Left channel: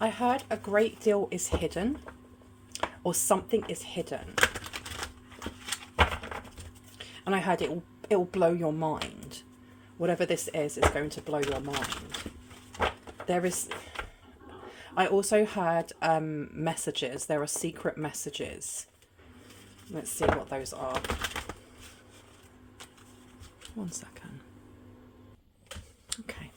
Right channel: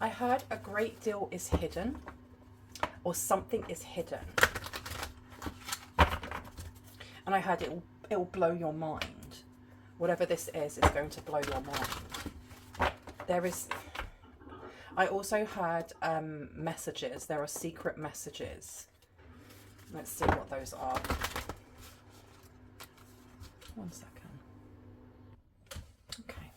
I heard a great deal is hidden, or something is hidden. And I heard it'll blow your mind. Whatever this is going to blow your mind. I also heard messages. There are secret messages. Let's see what those are. One second. Okay.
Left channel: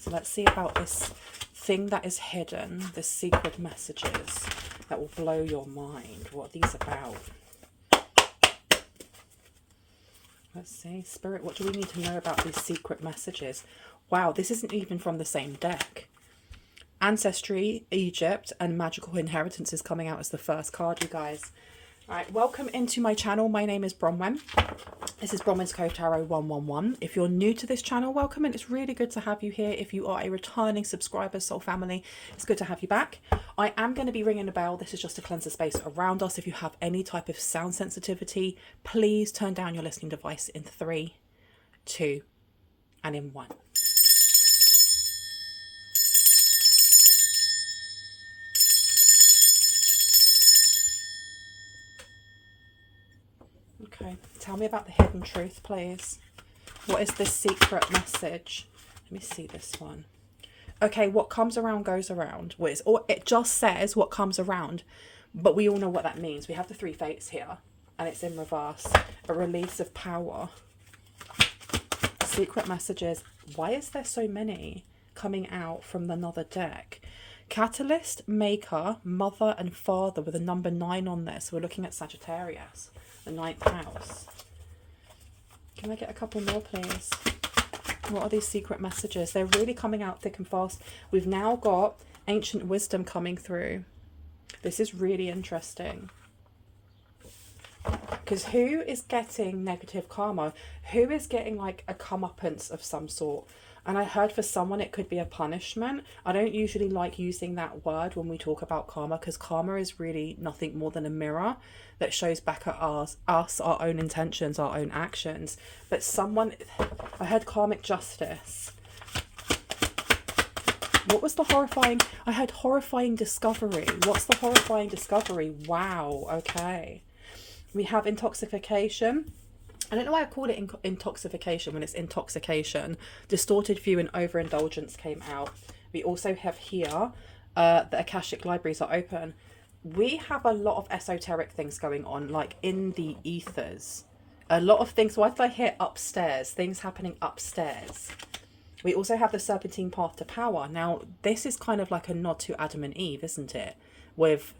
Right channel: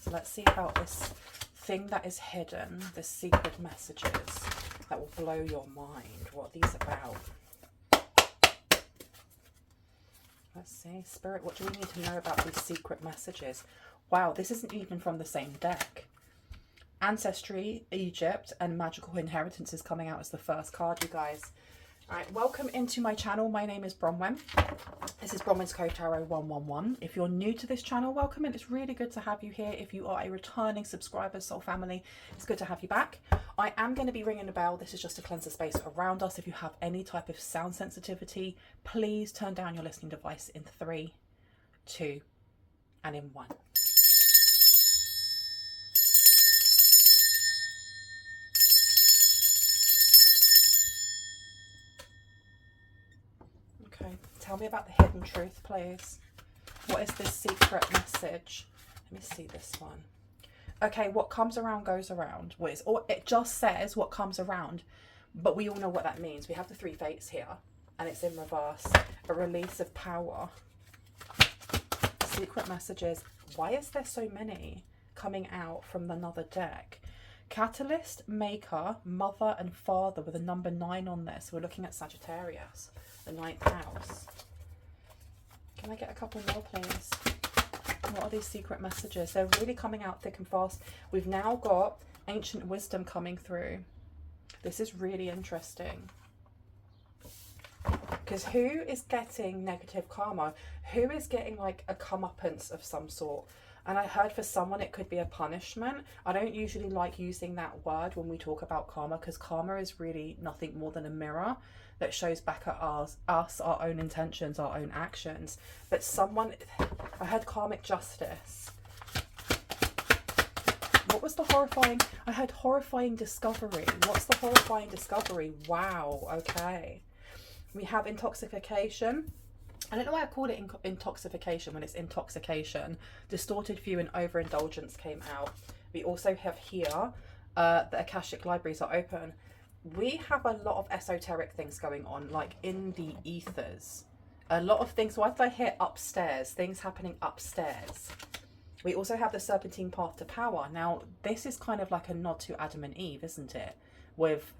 So let's see about this thing that is hidden, the secret messages that will blow your mind. What are these about? Let's see. Spirit, what do we need to know about these secret messages? Wow, this isn't even from the same deck. Ancestry, Egypt, and magical inheritance is coming out as the first card, you guys. All right, welcome into my channel. My name is Bronwyn. This is Bronwyn's Cove Tarot 111. If you're new to this channel, welcome, and it's really good to have you here. If you are a returning subscriber, soul family, it's good to have you back. I am going to be ringing a bell. This is just to cleanse the space around us. If you have any type of sound sensitivity, please turn down your listening device in 3, 2, and in 1. Okay, tell me about the hidden truth, please. What is this secret message? Let me see this one. Okay, what comes around goes around. It just says what comes around, but we all know what that means. We have the 3 fates here, and it's in reverse. A release of power. Secret messages. Why is there so many coming out from another deck? Catalyst, Maker, Mother, and Father with a number 9 on this. We're looking at Sagittarius. The 9th house. Can I get a couple more, please? What are these secret messages? They're really coming out thick and fast. We've now got ancient wisdom coming through. This is really interesting. Because who is getting negative karma? Who is getting like a comeuppance of some sort? And I heard for someone it could be a punishment. I don't usually like using that word when we talk about karma, because karma is really nothing more than a mirror that shows back at us, our own intentions, our own actions. But I heard karmic justice. What was the horrifying? I heard horrifying discovery. What's the horrifying discovery? Wow, okay. We have intoxication. I don't know why I called it intoxication when it's intoxication. Distorted view and overindulgence came out. We also have here the Akashic libraries are open. We have a lot of esoteric things going on, like in the ethers. A lot of things. Why did I hear upstairs? Things happening upstairs. We also have the serpentine path to power. Now, this is kind of like a nod to Adam and Eve, isn't it? With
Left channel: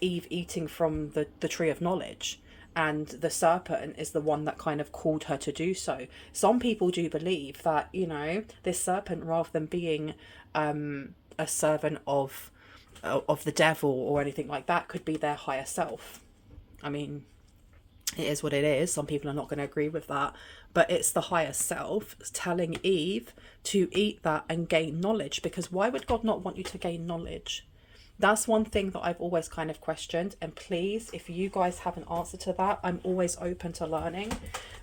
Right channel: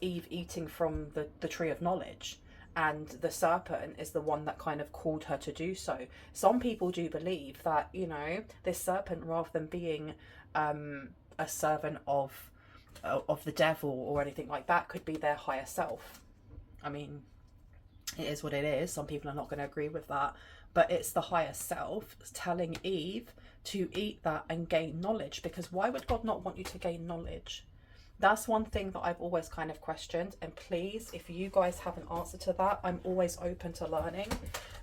Eve eating from the tree of knowledge. And the serpent is the one that kind of called her to do so. Some people do believe that, you know, this serpent, rather than being a servant of the devil or anything like that, could be their higher self. I mean, it is what it is. Some people are not going to agree with that. But it's the higher self telling Eve to eat that and gain knowledge. Because why would God not want you to gain knowledge? That's one thing that I've always kind of questioned. And please, if you guys have an answer to that, I'm always open to learning.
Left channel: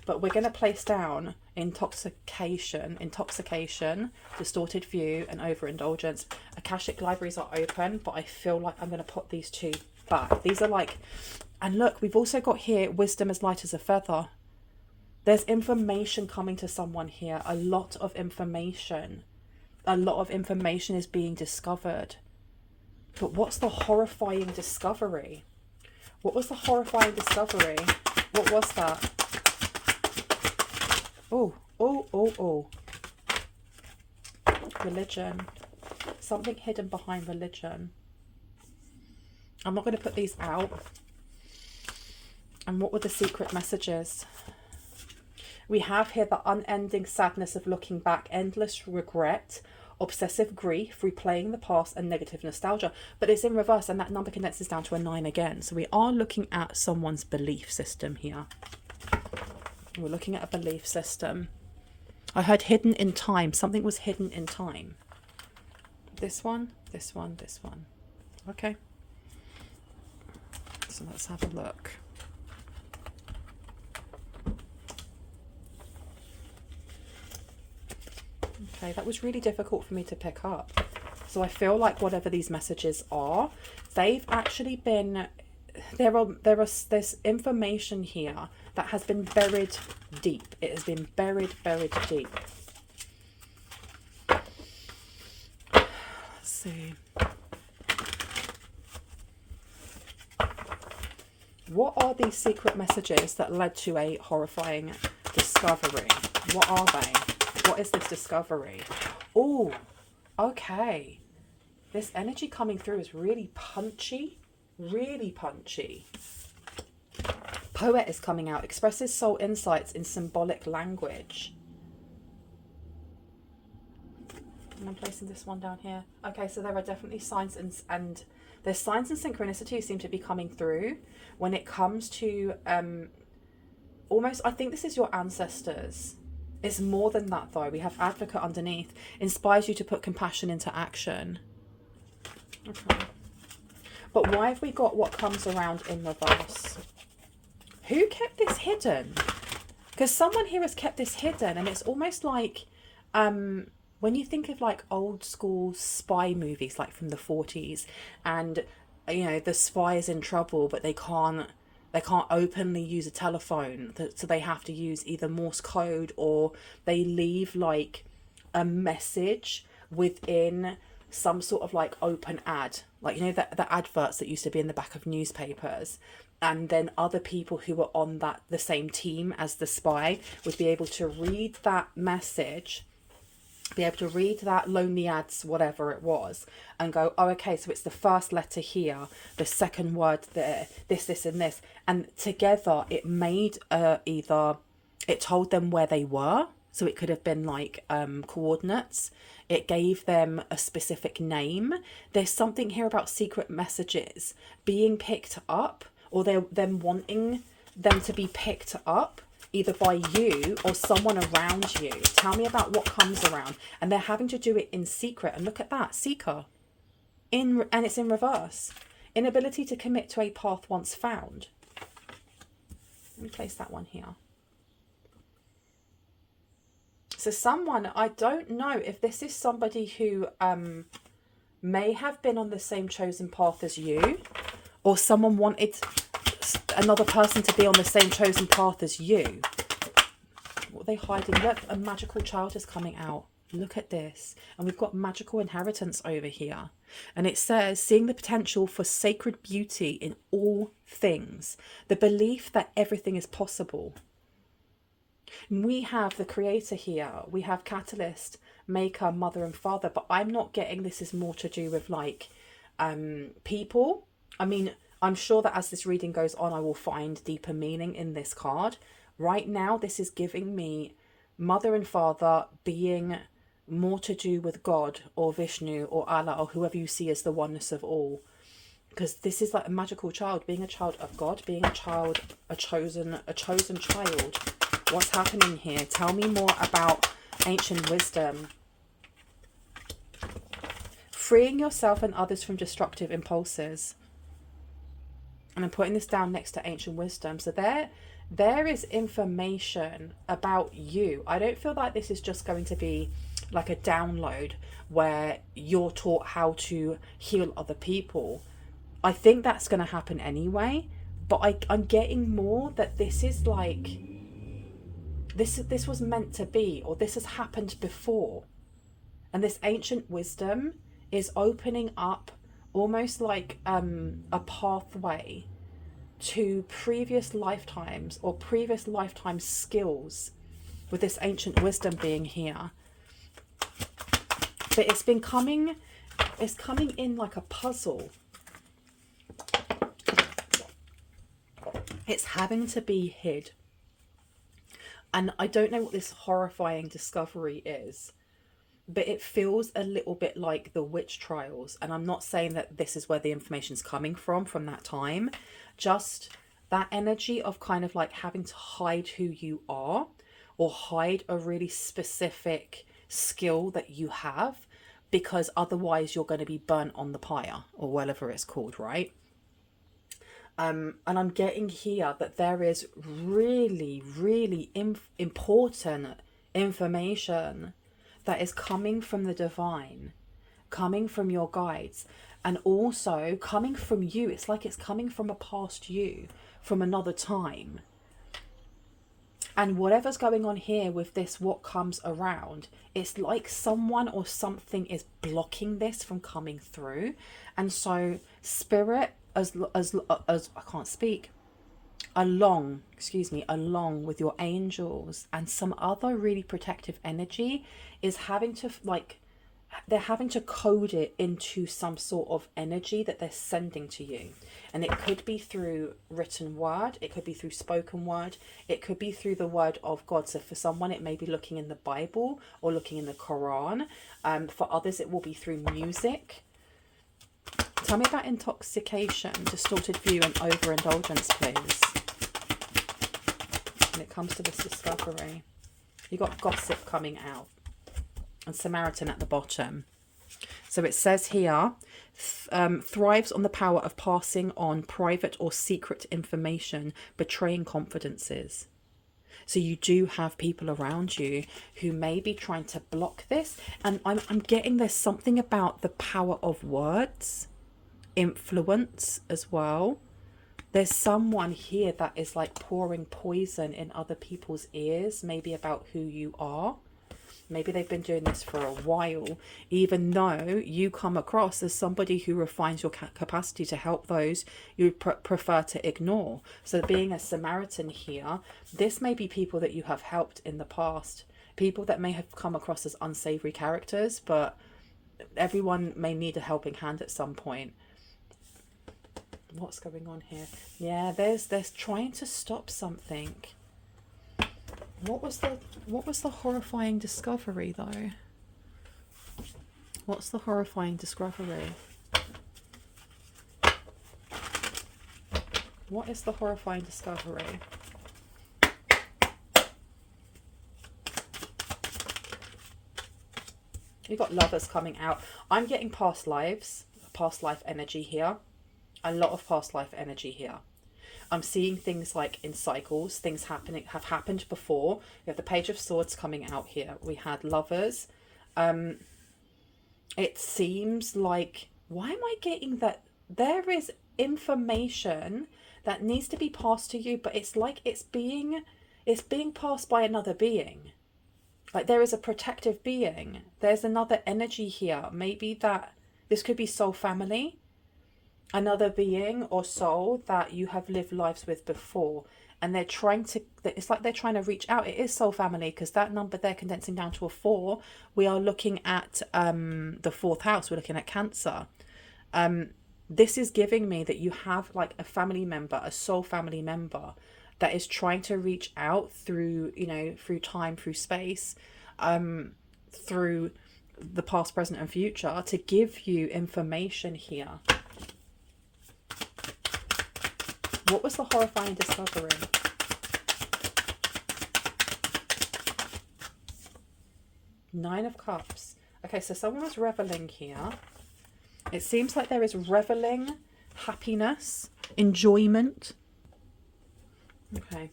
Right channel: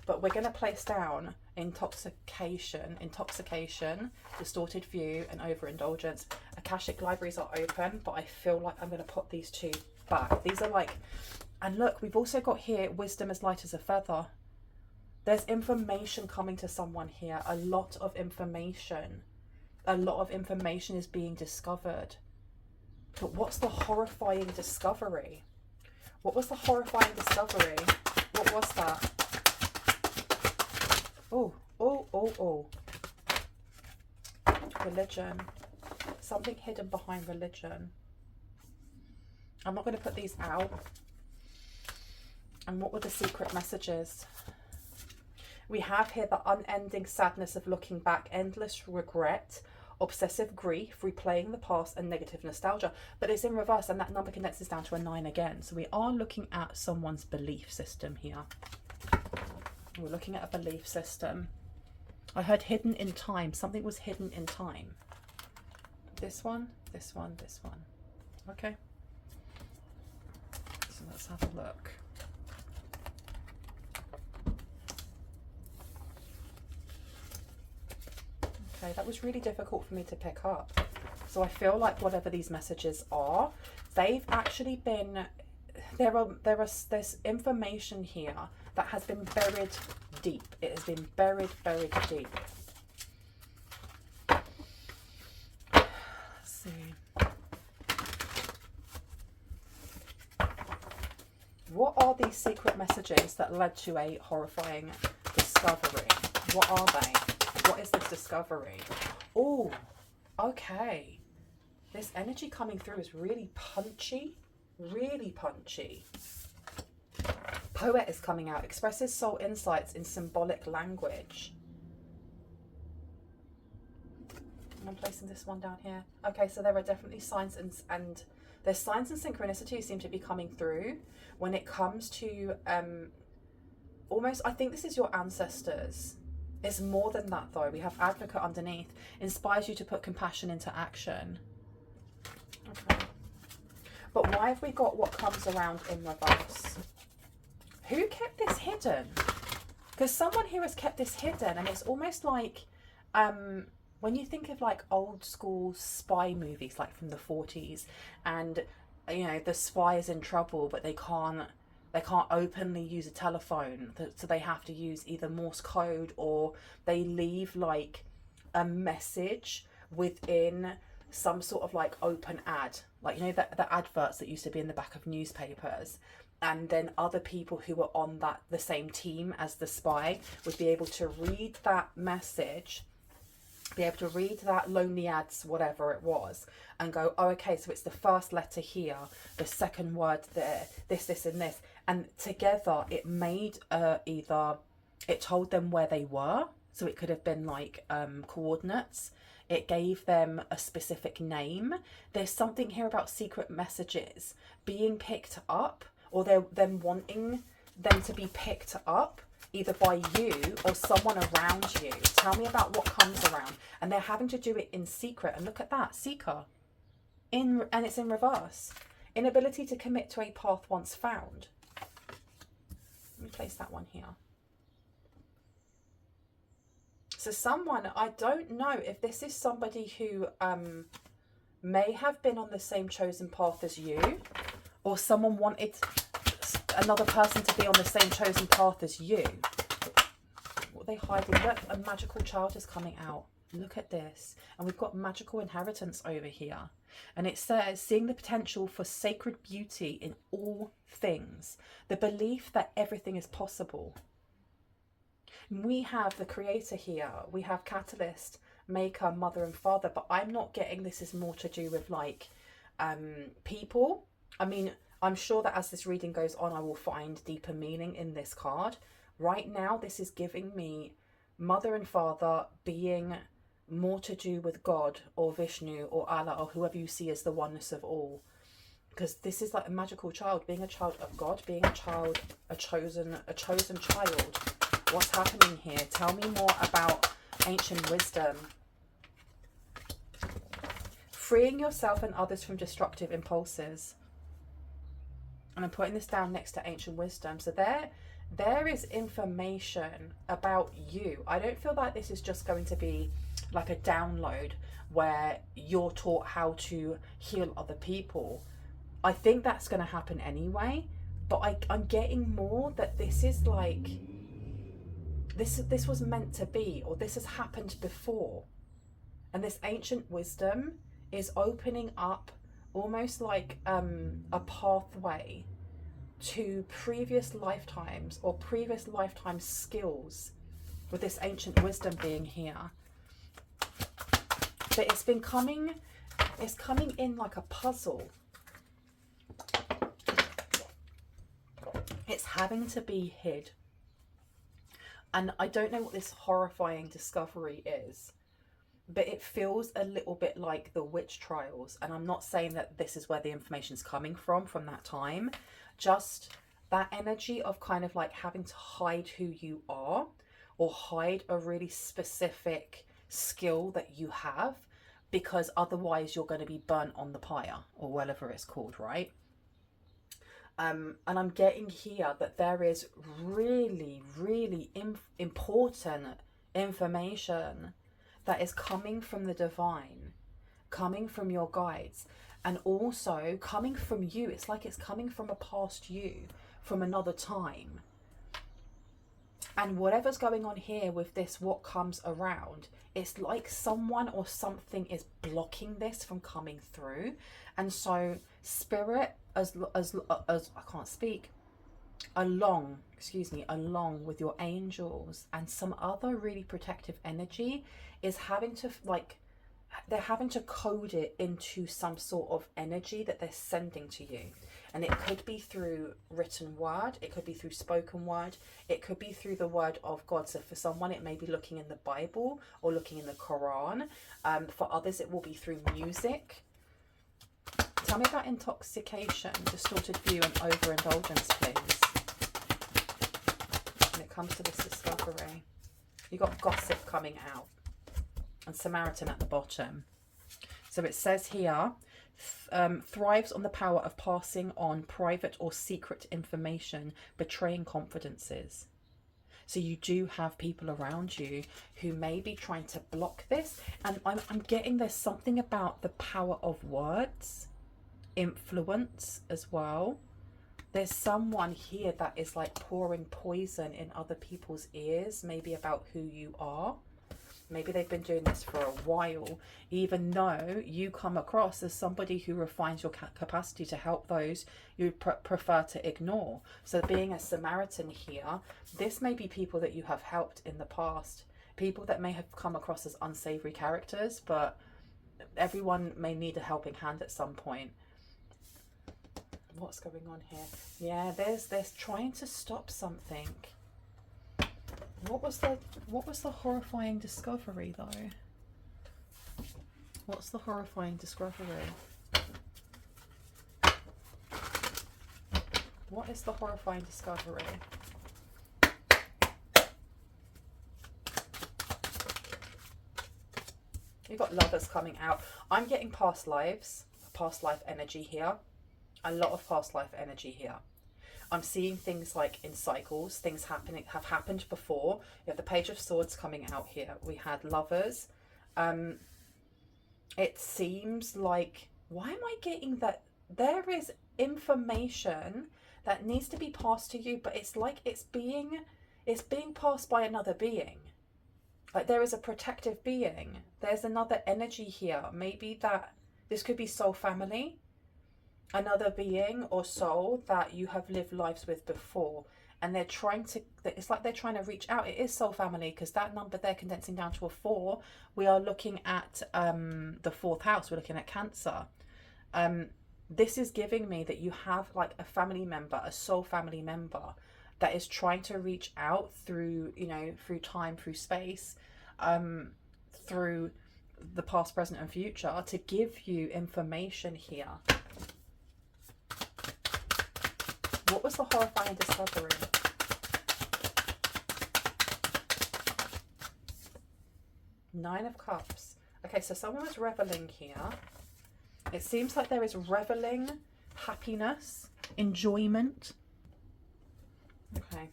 But we're going to place down intoxication, distorted view, and overindulgence. Akashic libraries are open, but I feel like I'm going to put these 2 back. These are like, and look, we've also got here wisdom as light as a feather. There's information coming to someone here. A lot of information. A lot of information is being discovered. But what's the horrifying discovery? What was the horrifying discovery? What was that? Oh. Religion. Something hidden behind religion. I'm not going to put these out. And what were the secret messages? We have here the unending sadness of looking back, endless regret, obsessive grief, replaying the past, and negative nostalgia. But it's in reverse, and that number condenses down to a 9 again. So we are looking at someone's belief system here. We're looking at a belief system. I heard hidden in time. Something was hidden in time. This one, this one, this one. Okay. So let's have a look. Okay, that was really difficult for me to pick up. So I feel like whatever these messages are, they've actually been, there's information here that has been buried deep. It has been buried deep. Let's see. What are these secret messages that led to a horrifying discovery? What are they? What is this discovery? Oh, okay. This energy coming through is really punchy. Really punchy. Poet is coming out. Expresses soul insights in symbolic language. I'm placing this one down here. Okay, so there are definitely signs and there's signs and synchronicity seem to be coming through when it comes to almost, I think this is your ancestors. It's more than that though. We have advocate underneath. Inspires you to put compassion into action. Okay. But why have we got what comes around in reverse? Who kept this hidden? Because someone here has kept this hidden, and it's almost like when you think of like old school spy movies, like from the 40s, and you know the spy is in trouble, but they can't openly use a telephone, so they have to use either Morse code, or they leave like a message within some sort of like open ad, like you know the adverts that used to be in the back of newspapers, and then other people who were on the same team as the spy would be able to read that message, be able to read that lonely ads, whatever it was, and go, oh, okay, so it's the first letter here, the second word there, this and this, and together it made either it told them where they were, so it could have been like coordinates. It gave them a specific name. There's something here about secret messages being picked up, or them wanting them to be picked up either by you or someone around you. Tell me about what comes around. And they're having to do it in secret. And look at that, seeker. And it's in reverse. Inability to commit to a path once found. Let me place that one here. So someone, I don't know if this is somebody who may have been on the same chosen path as you, or someone wanted another person to be on the same chosen path as you. What are they hiding? Look, a magical child is coming out. Look at this. And we've got magical inheritance over here. And it says, seeing the potential for sacred beauty in all things. The belief that everything is possible. We have the creator here. We have catalyst, maker, mother and father. But I'm not getting this is more to do with like people. I mean, I'm sure that as this reading goes on, I will find deeper meaning in this card. Right now, this is giving me mother and father being more to do with God or Vishnu or Allah or whoever you see as the oneness of all. Because this is like a magical child, being a child of God, being a child, a chosen child. What's happening here? Tell me more about ancient wisdom. Freeing yourself and others from destructive impulses. And I'm putting this down next to ancient wisdom. So there is information about you. I don't feel like this is just going to be like a download where you're taught how to heal other people. I think that's going to happen anyway. But I'm getting more that this is like, this was meant to be, or this has happened before. And this ancient wisdom is opening up almost like a pathway to previous lifetimes or previous lifetime skills, with this ancient wisdom being here. But it's coming in like a puzzle. It's having to be hid. And I don't know what this horrifying discovery is, but it feels a little bit like the witch trials. And I'm not saying that this is where the information's coming from that time. Just that energy of kind of like having to hide who you are, or hide a really specific skill that you have, because otherwise you're going to be burnt on the pyre, or whatever it's called, right? And I'm getting here that there is really, really important information that is coming from the divine, coming from your guides, and also coming from you. It's like it's coming from a past you, from another time. And whatever's going on here with this, what comes around, it's like someone or something is blocking this from coming through. And so spirit, as I can't speak, along with your angels and some other really protective energy, is having to, like, they're having to code it into some sort of energy that they're sending to you. And it could be through written word, it could be through spoken word, it could be through the word of God. So for someone, it may be looking in the Bible or looking in the Quran. For others, it will be through music. Tell me about intoxication, distorted view, and overindulgence, please. When it comes to this discovery, you got gossip coming out. And Samaritan at the bottom. So it says here, thrives on the power of passing on private or secret information, betraying confidences. So you do have people around you who may be trying to block this. And I'm getting there's something about the power of words, influence as well. There's someone here that is like pouring poison in other people's ears, maybe about who you are. Maybe they've been doing this for a while, even though you come across as somebody who refines your capacity to help those you prefer to ignore. So being a Samaritan here, this may be people that you have helped in the past, people that may have come across as unsavory characters, but everyone may need a helping hand at some point. What's going on here? Yeah, there's trying to stop something. What was the horrifying discovery though? What's the horrifying discovery? What is the horrifying discovery? You've got lovers coming out. I'm getting past lives, past life energy here. A lot of past life energy here. I'm seeing things like in cycles, things have happened before. We have the Page of Swords coming out here. We had lovers. It seems like, why am I getting that there is information that needs to be passed to you, but it's like it's being passed by another being. Like there is a protective being. There's another energy here. Maybe that this could be soul family. Another being or soul that you have lived lives with before, and they're trying to, it's like they're trying to reach out. It is soul family, because that number they're condensing down to a 4. We are looking at the 4th house. We're looking at Cancer. This is giving me that you have like a family member, a soul family member that is trying to reach out through, you know, through time, through space, through the past, present and future, to give you information here. What was the horrifying discovery? Nine of Cups. Okay, so someone was reveling here. It seems like there is reveling, happiness, enjoyment. Okay.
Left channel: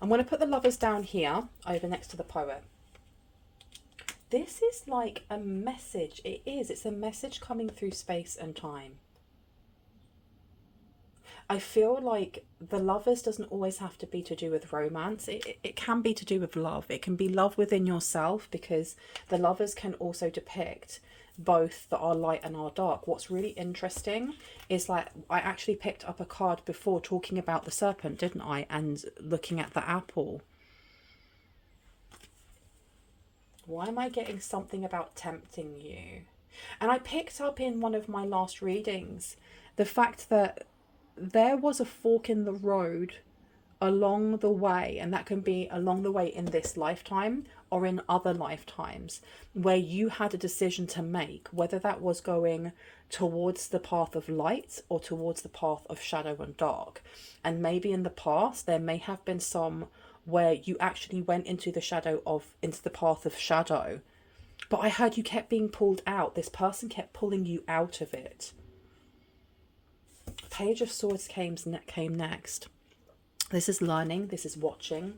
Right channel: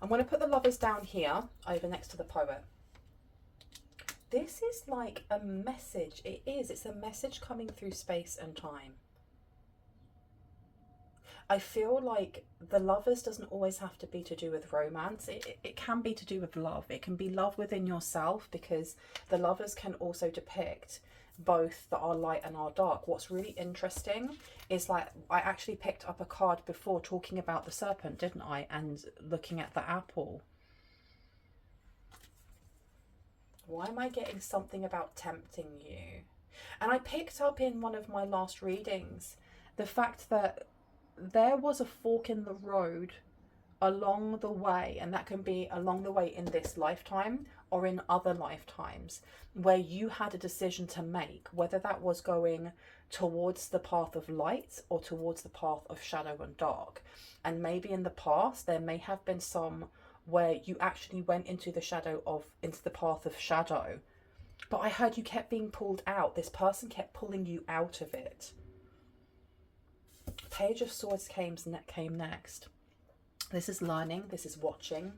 I'm going to put the lovers down here, over next to the poet. This is like a message. It is. It's a message coming through space and time. I feel like the lovers doesn't always have to be to do with romance. It can be to do with love. It can be love within yourself, because the lovers can also depict both our light and our dark. What's really interesting is, like, I actually picked up a card before talking about the serpent, didn't I? And looking at the apple. Why am I getting something about tempting you? And I picked up in one of my last readings the fact that there was a fork in the road along the way, and that can be along the way in this lifetime or in other lifetimes, where you had a decision to make, whether that was going towards the path of light or towards the path of shadow and dark. And maybe in the past there may have been some where you actually went into the path of shadow, but I heard you kept being pulled out. This person kept pulling you out of it. Page of Swords came next. This is learning. This is watching.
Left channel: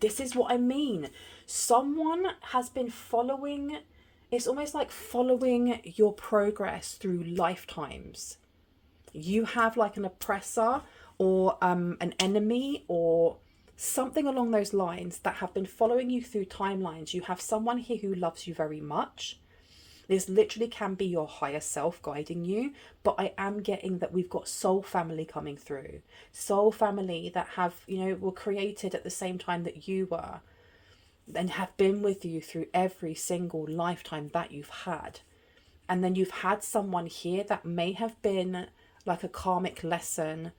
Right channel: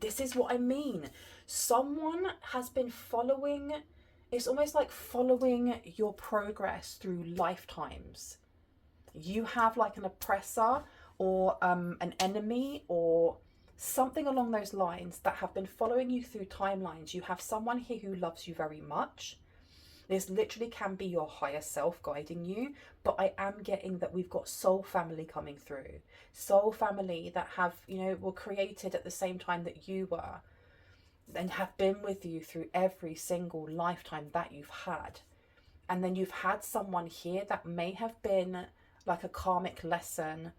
This is what I mean. Someone has been following. it's almost like following your progress through lifetimes. You have like an oppressor or an enemy or something along those lines that have been following you through timelines. You have someone here who loves you very much. This literally can be your higher self guiding you, but I am getting that we've got soul family coming through. Soul family that have, were created at the same time that you were, and have been with you through every single lifetime that you've had. And then you've had someone here that may have been like a karmic lesson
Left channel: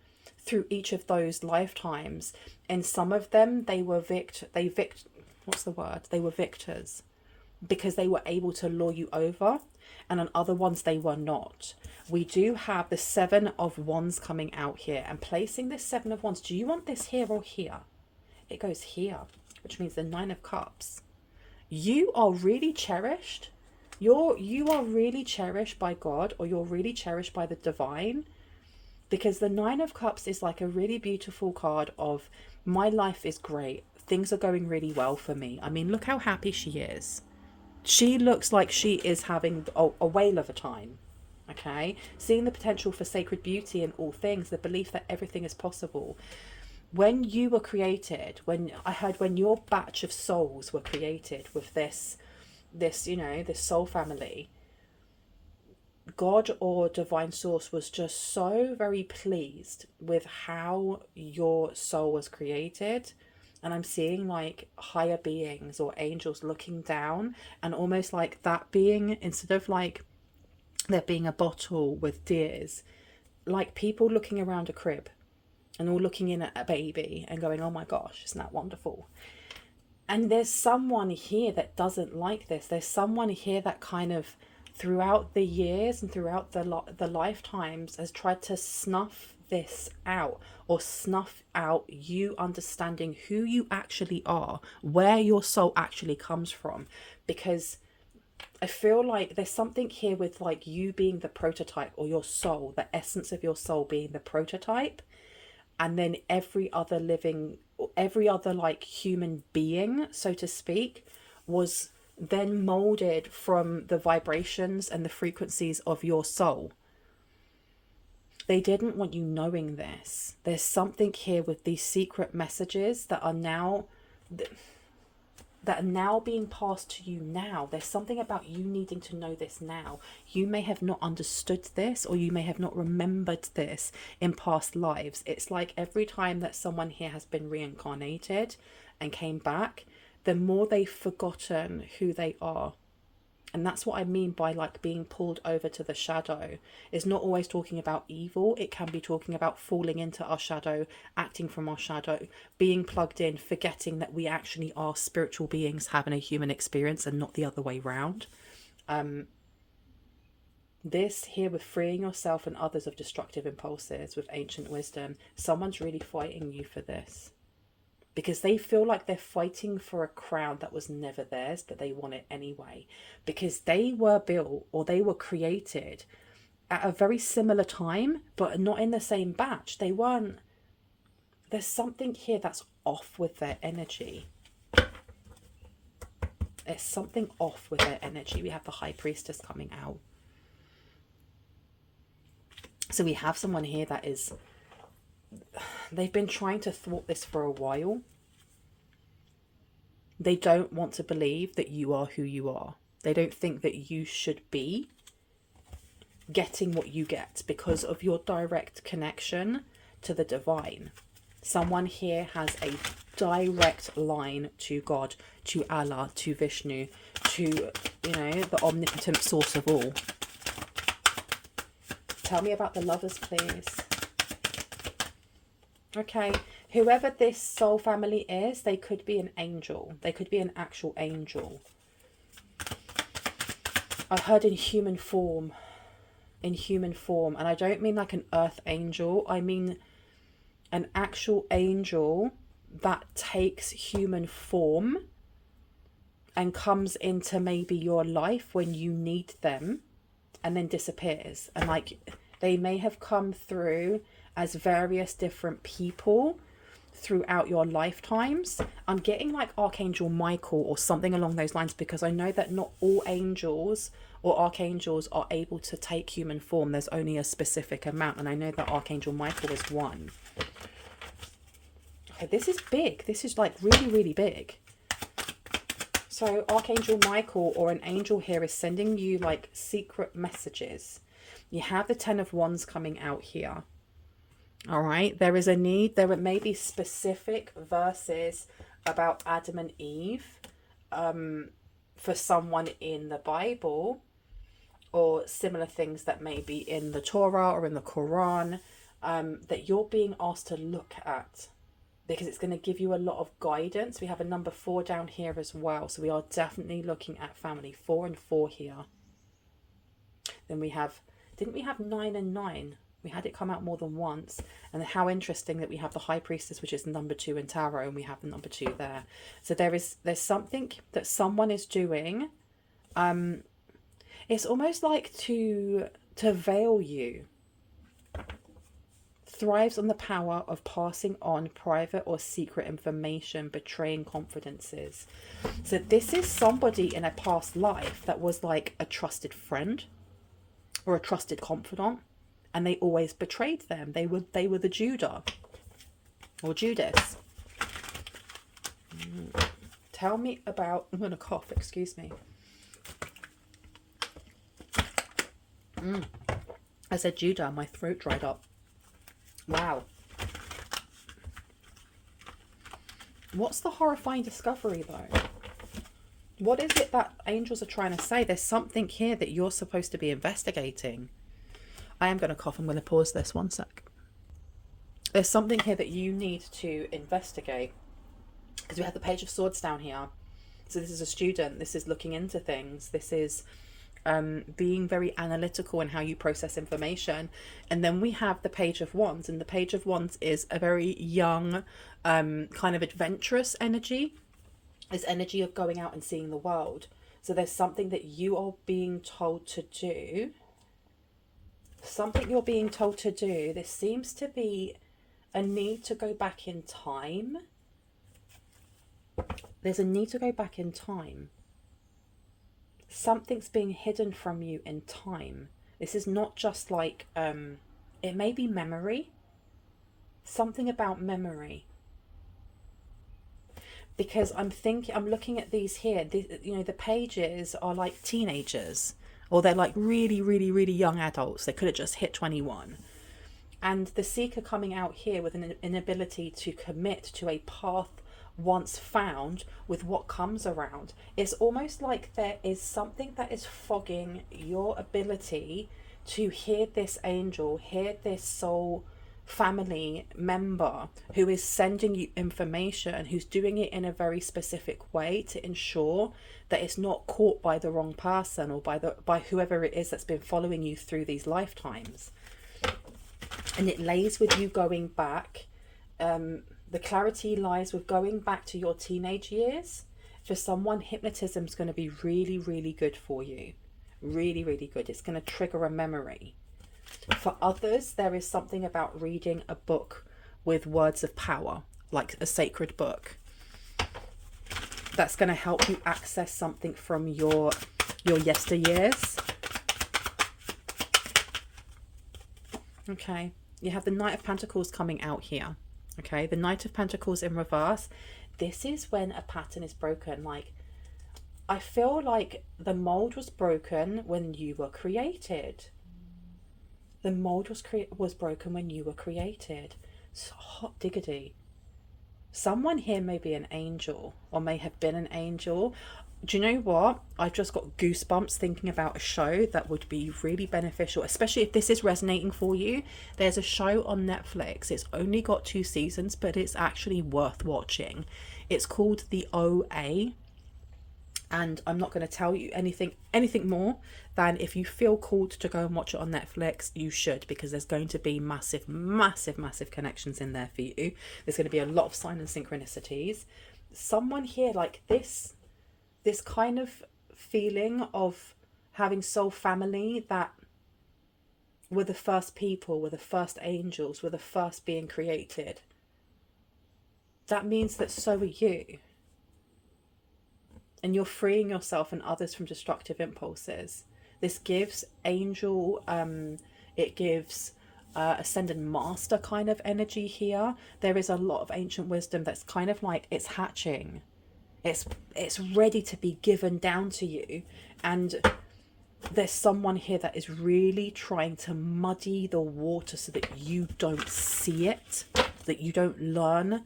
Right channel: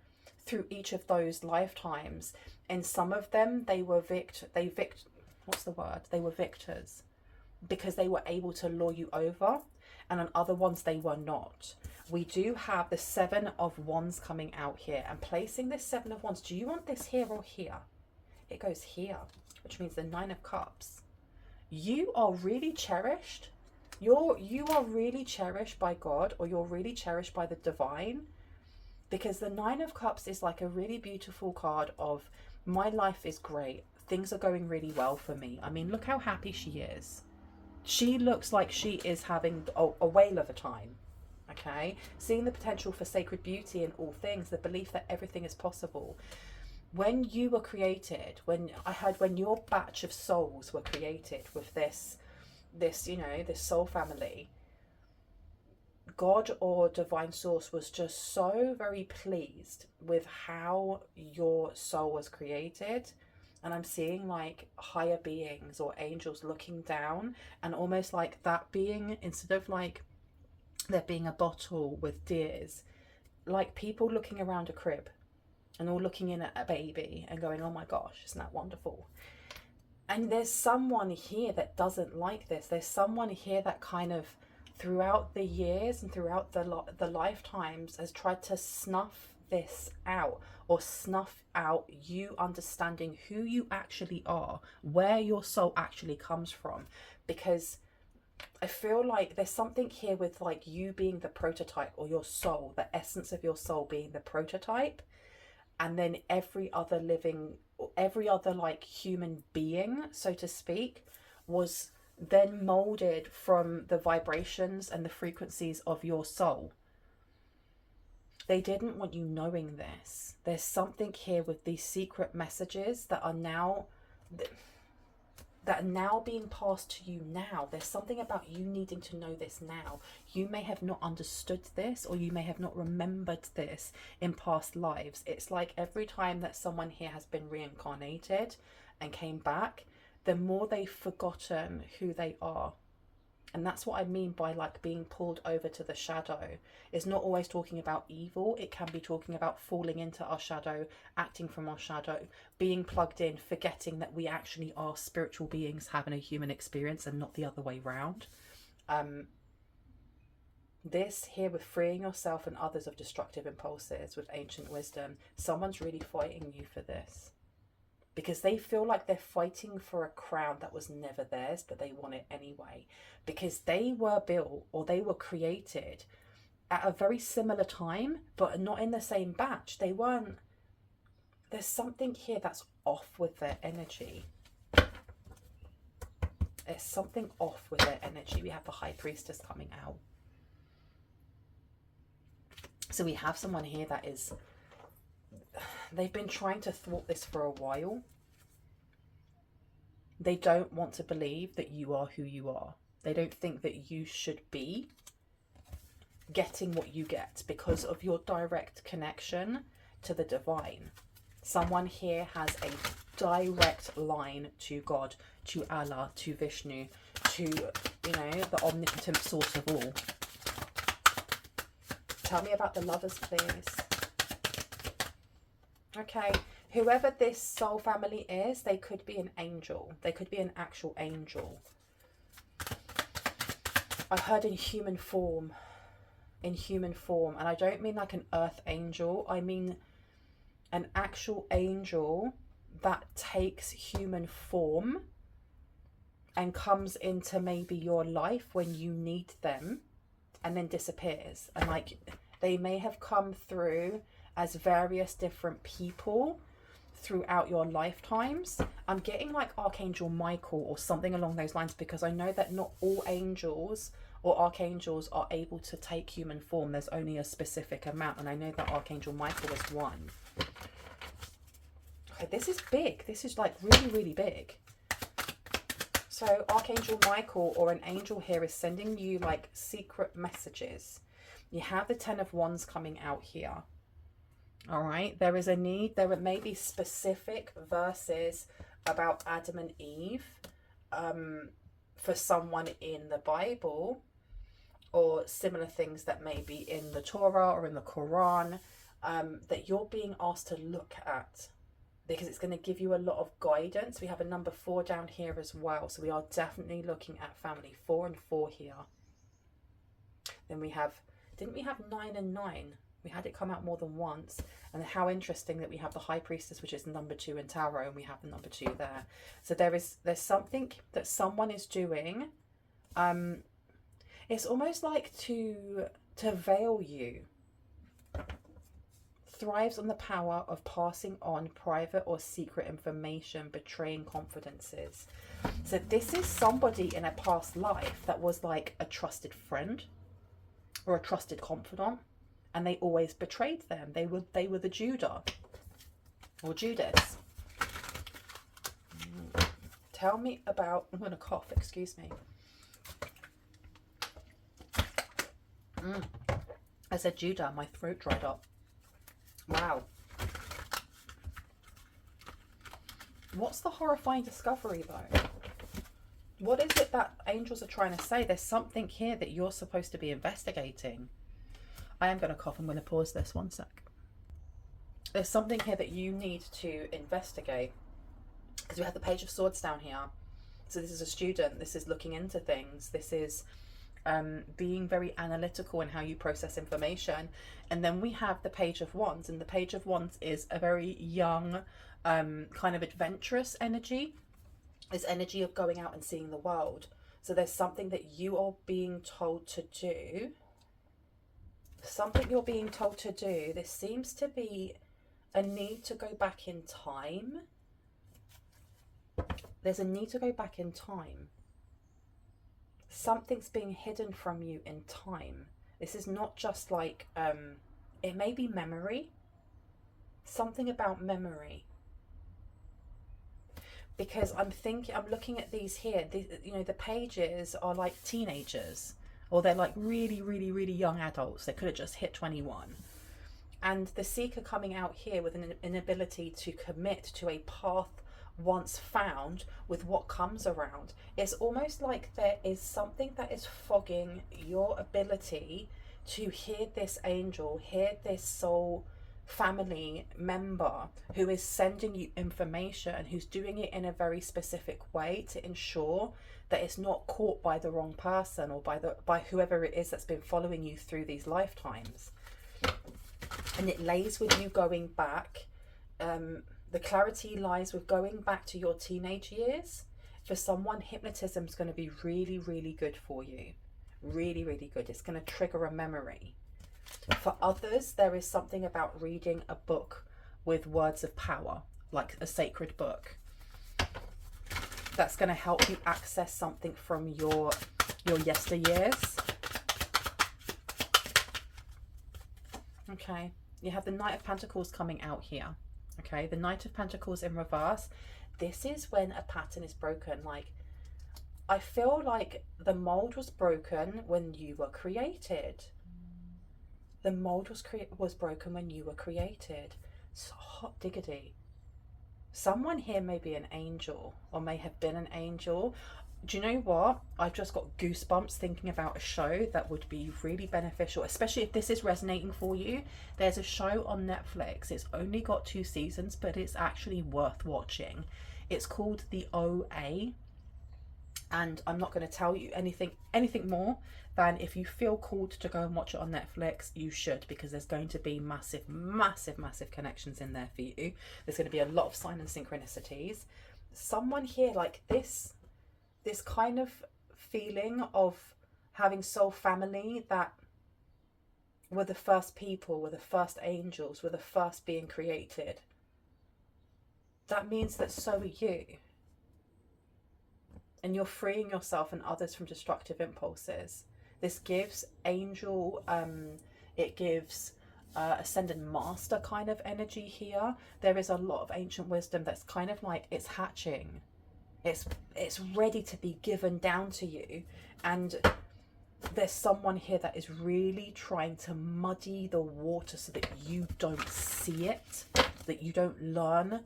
through each of those lifetimes. In some of them, they were they were victors, because they were able to lure you over, and on other ones they were not. We do have the 7 of Wands coming out here, and placing this 7 of Wands, do you want this here or here? It goes here, which means the 9 of Cups. You are really cherished. You are really cherished by God, or you're really cherished by the divine, because the 9 of Cups is like a really beautiful card of, my life is great, things are going really well for me. I mean, look how happy she is. She looks like she is having a whale of a time. Okay, seeing the potential for sacred beauty in all things, the belief that everything is possible. When you were created, when your batch of souls were created with this soul family, God or divine source was just so very pleased with how your soul was created. And I'm seeing like higher beings or angels looking down, and almost like that being, instead of like there being a bottle with deers, like people looking around a crib and all looking in at a baby and going, oh my gosh, isn't that wonderful? And there's someone here that doesn't like this. There's someone here that kind of throughout the years and throughout the lifetimes has tried to snuff this out, or snuff out you understanding who you actually are, where your soul actually comes from. Because I feel like there's something here with like you being the prototype, or your soul, the essence of your soul being the prototype, and then every other like human being, so to speak, was then molded from the vibrations and the frequencies of your soul. They didn't want you knowing this. There's something here with these secret messages that are now being passed to you now. There's something about you needing to know this now. You may have not understood this, or you may have not remembered this in past lives. It's like every time that someone here has been reincarnated and came back, the more they've forgotten who they are. And that's what I mean by like being pulled over to the shadow. It's not always talking about evil. It can be talking about falling into our shadow, acting from our shadow, being plugged in, forgetting that we actually are spiritual beings having a human experience and not the other way round. This here with freeing yourself and others of destructive impulses with ancient wisdom, someone's really fighting you for this. Because they feel like they're fighting for a crown that was never theirs, but they want it anyway. Because they were built, or they were created at a very similar time, but not in the same batch. They weren't. There's something here that's off with their energy. There's something off with their energy. We have the High Priestess coming out. So we have someone here that is... They've been trying to thwart this for a while. They don't want to believe that you are who you are. They don't think that you should be getting what you get because of your direct connection to the divine. Someone here has a direct line to God, to Allah, to Vishnu, to, the omnipotent source of all. Tell me about the lovers, please. Okay, whoever this soul family is, they could be an angel. They could be an actual angel. I heard in human form. In human form. And I don't mean like an earth angel. I mean an actual angel that takes human form and comes into maybe your life when you need them and then disappears. And like they may have come through as various different people throughout your lifetimes. I'm getting like Archangel Michael or something along those lines, because I know that not all angels or archangels are able to take human form. There's only a specific amount, and I know that Archangel Michael is one. Okay, this is big. This is like really, really big. So Archangel Michael, or an angel here, is sending you like secret messages. You have the Ten of Wands coming out here. All right, there is a need. There may be specific verses about Adam and Eve for someone in the Bible, or similar things that may be in the Torah or in the Quran, that you're being asked to look at, because it's going to give you a lot of guidance. We have a number 4 down here as well. So we are definitely looking at family. 4 and 4 here. Then we have, didn't we have 9 and 9? We had it come out more than once. And how interesting that we have the High Priestess, which is number 2 in Tarot, and we have the number 2 there. So there's something that someone is doing. It's almost like to veil you. Thrives on the power of passing on private or secret information, betraying confidences. So this is somebody in a past life that was like a trusted friend or a trusted confidant, and they always betrayed them. They were the Judah or Judas. Tell me about, I'm gonna cough, excuse me. I said Judah, my throat dried up. Wow. What's the horrifying discovery though? What is it that angels are trying to say? There's something here that you're supposed to be investigating. I am going to cough. I'm going to pause this 1 sec. There's something here that you need to investigate, because we have the Page of Swords down here. So this is a student. This is looking into things. This is being very analytical in how you process information. And then we have the Page of Wands, and the Page of Wands is a very young, kind of adventurous energy. It's energy of going out and seeing the world. So there's something that you are being told to do. Something you're being told to do. There seems to be a need to go back in time. There's a need to go back in time. Something's being hidden from you in time. This is not just like, it may be memory. Something about memory. Because I'm looking at these here, the pages are like teenagers, or they're like really, really, really young adults. They could have just hit 21. And the seeker coming out here with an inability to commit to a path once found with what comes around. It's almost like there is something that is fogging your ability to hear this angel, hear this soul family member who is sending you information, who's doing it in a very specific way to ensure that it's not caught by the wrong person, or by whoever it is that's been following you through these lifetimes. And it lays with you going back. The clarity lies with going back to your teenage years. For someone, hypnotism is going to be really, really good for you. Really, really good. It's going to trigger a memory. For others, there is something about reading a book with words of power, like a sacred book, that's going to help you access something from your yesteryears. Okay, you have the Knight of Pentacles coming out here. Okay, the Knight of Pentacles in reverse. This is when a pattern is broken. Like, I feel like the mold was broken when you were created. The mold was broken when you were created. It's hot diggity. Someone here may be an angel, or may have been an angel. Do you know what? I've just got goosebumps thinking about a show that would be really beneficial, especially if this is resonating for you. There's a show on Netflix. It's only got 2 seasons, but it's actually worth watching. It's called The OA. And I'm not going to tell you anything more than, if you feel called to go and watch it on Netflix, you should, because there's going to be massive, massive, massive connections in there for you. There's going to be a lot of sign and synchronicities. Someone here, like this kind of feeling of having soul family that were the first people, were the first angels, were the first being created. that means that so are you. And you're freeing yourself and others from destructive impulses. This gives angel, it gives ascended master kind of energy here. There is a lot of ancient wisdom that's kind of like it's hatching. It's ready to be given down to you. And there's someone here that is really trying to muddy the water so that you don't see it, that you don't learn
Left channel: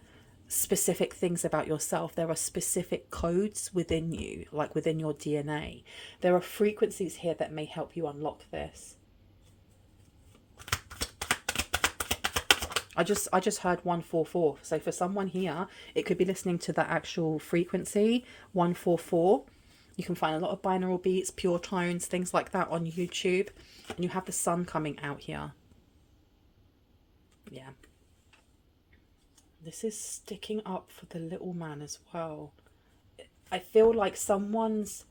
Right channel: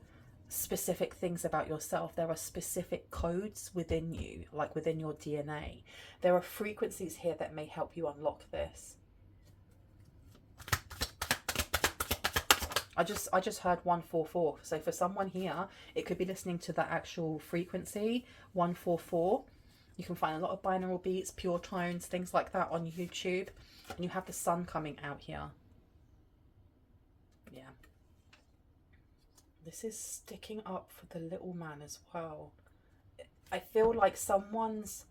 specific things about yourself. There are specific codes within you, like within your DNA. There are frequencies here that may help you unlock this. I just heard 144. So for someone here, it could be listening to the actual frequency 144. You can find a lot of binaural beats, pure tones, things like that on YouTube. And you have the sun coming out here. Yeah. This is sticking up for the little man as well. I feel like someone's,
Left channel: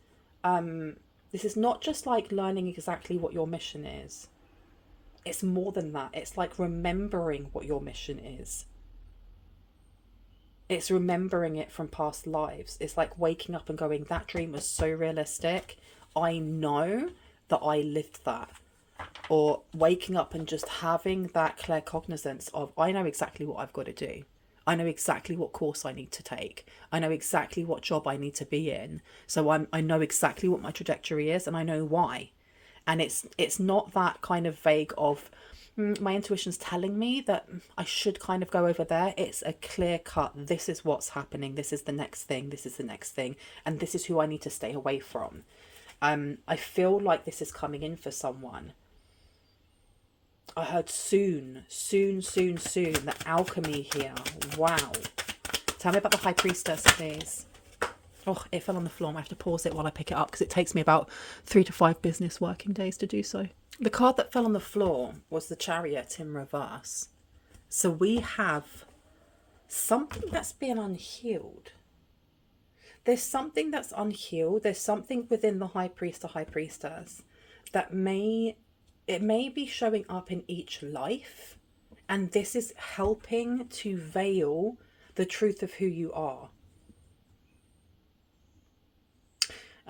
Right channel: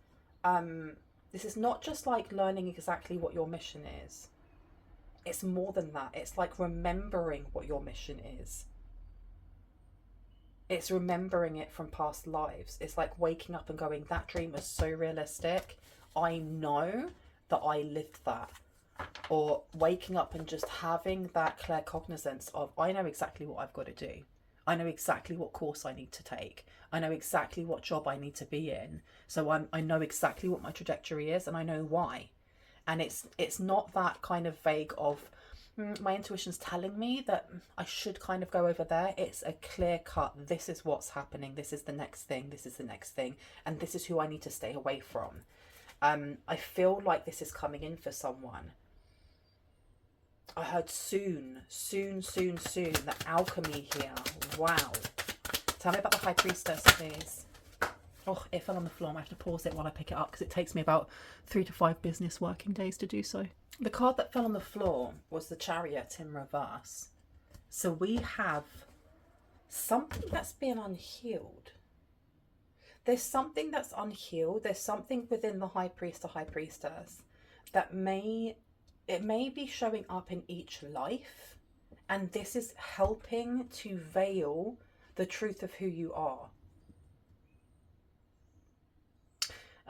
this is not just like learning exactly what your mission is. It's more than that. It's like remembering what your mission is. It's remembering it from past lives. It's like waking up and going, that dream was so realistic. I know that I lived that. Or waking up and just having that clear cognizance of, I know exactly what I've got to do. I know exactly what course I need to take. I know exactly what job I need to be in. So I know exactly what my trajectory is and I know why. And it's not that kind of vague of, my intuition's telling me that I should kind of go over there. It's a clear cut, this is what's happening, this is the next thing, this is the next thing, and this is who I need to stay away from. I feel like this is coming in for someone. I heard soon, the alchemy here. Wow. Tell me about the High Priestess, please. Oh, it fell on the floor. I have to pause it while I pick it up because it takes me about 3 to 5 business working days to do so. The card that fell on the floor was the Chariot in reverse. So we have something that's been unhealed. There's something that's unhealed. There's something within the High Priest or High Priestess that may be showing up in each life. And this is helping to veil the truth of who you are.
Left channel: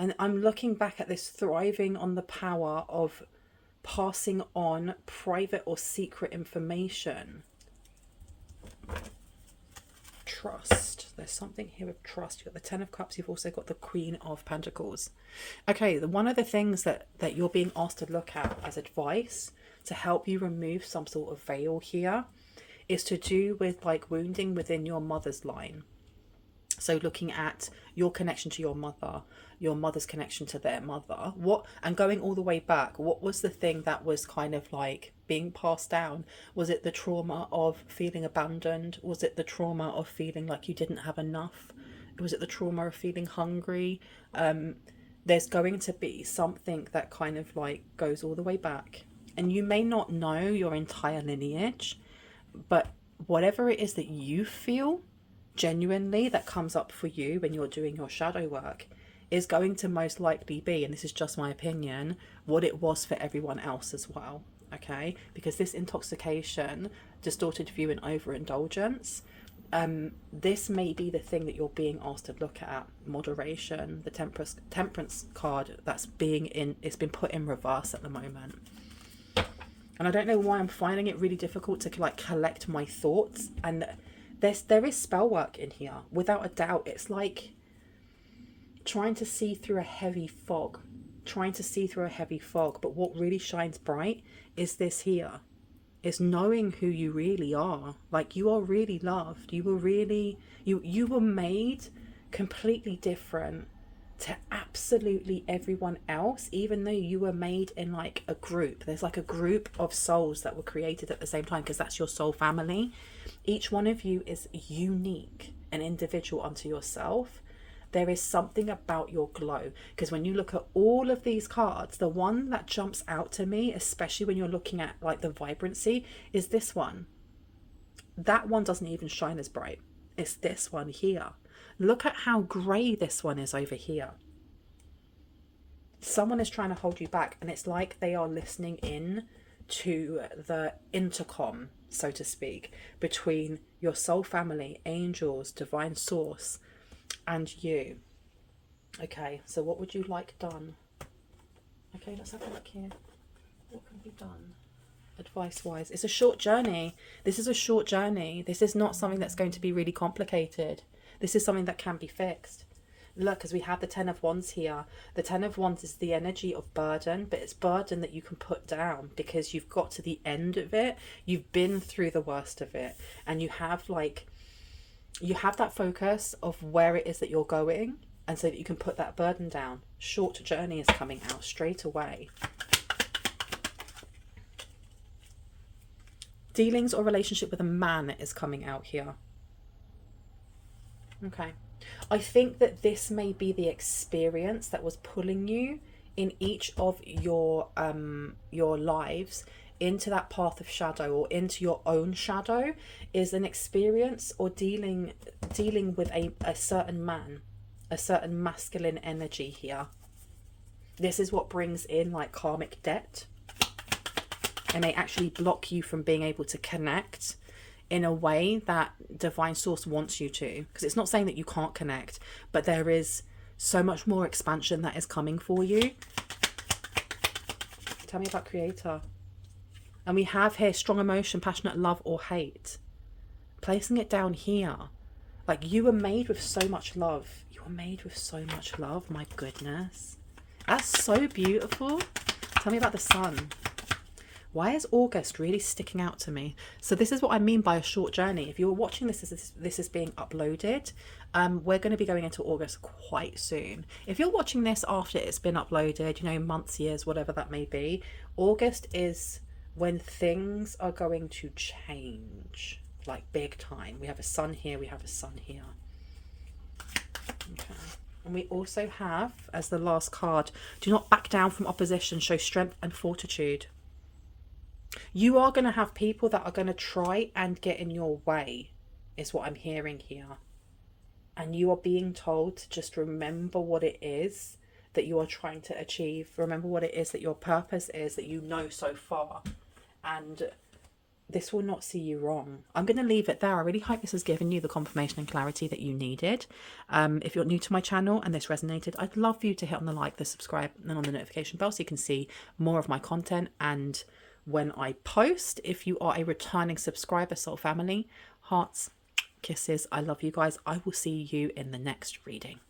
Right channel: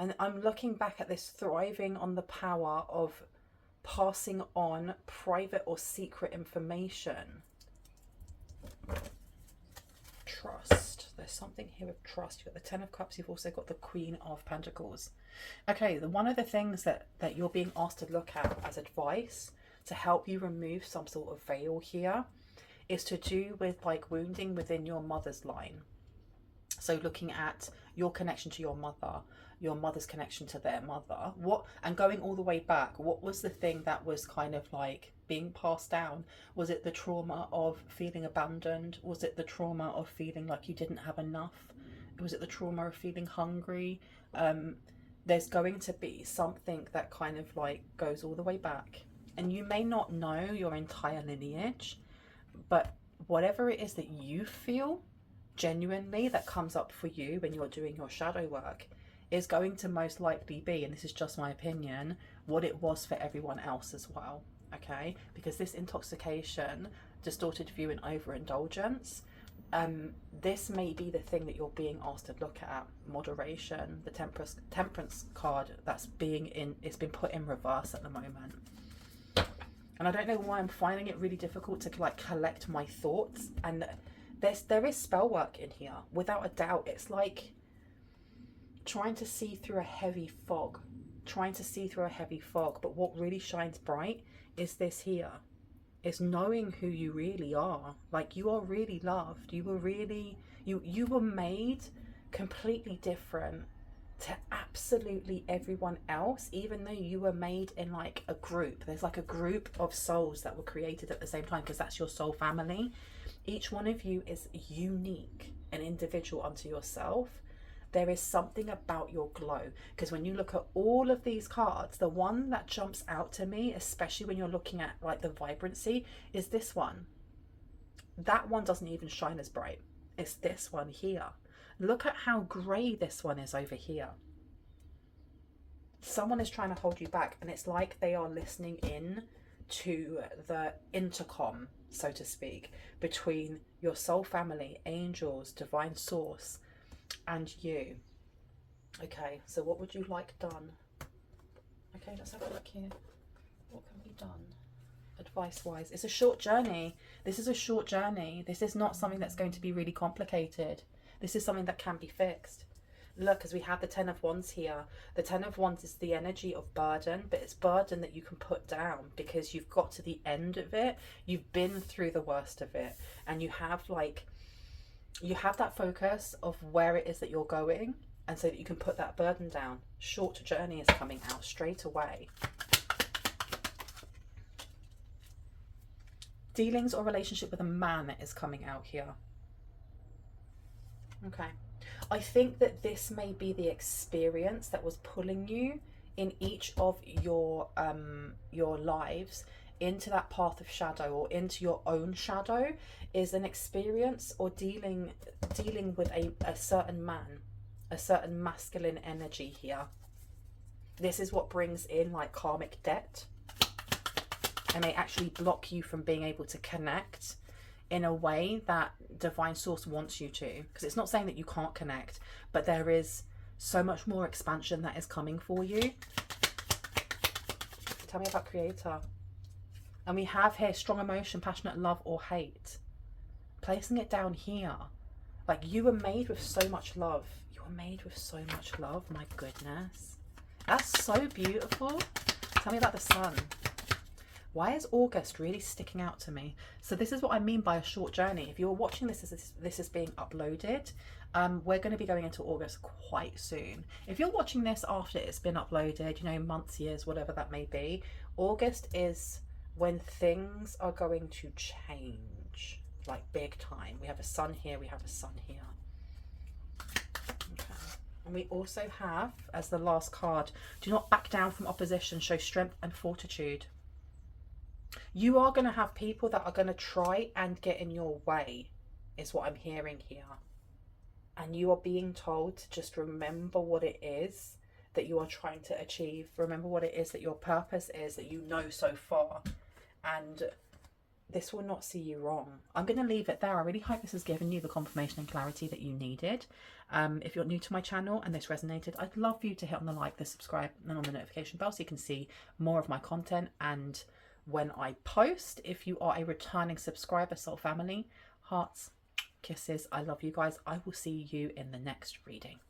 And I'm looking back at this thriving on the power of passing on private or secret information. Trust. There's something here with trust. You've got the Ten of Cups. You've also got the Queen of Pentacles. Okay, one of the things that you're being asked to look at as advice to help you remove some sort of veil here is to do with like wounding within your mother's line. So looking at your connection to your mother's connection to their mother, and going all the way back, what was the thing that was kind of like being passed down? Was it the trauma of feeling abandoned? Was it the trauma of feeling like you didn't have enough? Was it the trauma of feeling hungry? There's going to be something that kind of like goes all the way back. And you may not know your entire lineage, but whatever it is that you feel genuinely that comes up for you when you're doing your shadow work is going to most likely be, and this is just my opinion, what it was for everyone else as well. Okay, because this intoxication, distorted view, and overindulgence, this may be the thing that you're being asked to look at. Moderation, the temperance card it's been put in reverse at the moment. And I don't know why I'm finding it really difficult to like collect my thoughts. And there is spell work in here, without a doubt. It's like trying to see through a heavy fog. But what really shines bright is this here. It's knowing who you really are. Like, you are really loved. You were made completely different to absolutely everyone else, even though you were made in like a group. There's like a group of souls that were created at the same time, because that's your soul family. Each one of you is unique and individual unto yourself. There is something about your glow, because when you look at all of these cards, the one that jumps out to me, especially when you're looking at like the vibrancy, is this one. That one doesn't even shine as bright. It's this one here. Look at how grey this one is over here. Someone is trying to hold you back, and it's like they are listening in to the intercom, so to speak, between your soul family, angels, divine source, and you. Okay, so what would you like done? Okay, let's have a look here. What can be done? Advice wise, it's a short journey. This is a short journey. This is not something that's going to be really complicated. This is something that can be fixed. Look, as we have the 10 of Wands here, the 10 of Wands is the energy of burden, but it's burden that you can put down because you've got to the end of it. You've been through the worst of it, and you have that focus of where it is that you're going, and so that you can put that burden down. Short journey is coming out straight away. Dealings or relationship with a man is coming out here. Okay. I think that this may be the experience that was pulling you in each of your lives into that path of shadow, or into your own shadow, is an experience or dealing with a certain man, a certain masculine energy here. This is what brings in like karmic debt, and may actually block you from being able to connect in a way that divine source wants you to, because it's not saying that you can't connect, but there is so much more expansion that is coming for you. Tell me about creator. And we have here strong emotion, passionate love or hate. Placing it down here, like you were made with so much love. You were made with so much love. My goodness, that's so beautiful. Tell me about the sun. Why is August really sticking out to me? So this is what I mean by a short journey. If you were watching this is being uploaded, we're going to be going into August quite soon. If you're watching this after it's been uploaded, you know, months, years, whatever that may be, August is when things are going to change, like big time. We have a sun here, we have a sun here. Okay. And we also have, as the last card, do not back down from opposition, show strength and fortitude. You are going to have people that are going to try and get in your way, is what I'm hearing here. And you are being told to just remember what it is that you are trying to achieve. Remember what it is that your purpose is, that you know so far. And this will not see you wrong. I'm going to leave it there. I really hope this has given you the confirmation and clarity that you needed. If you're new to my channel and this resonated, I'd love for you to hit on the like, the subscribe, and on the notification bell so you can see more of my content and when I post. If you are a returning subscriber, soul family, hearts, kisses, I love you guys. I will see you in the next reading.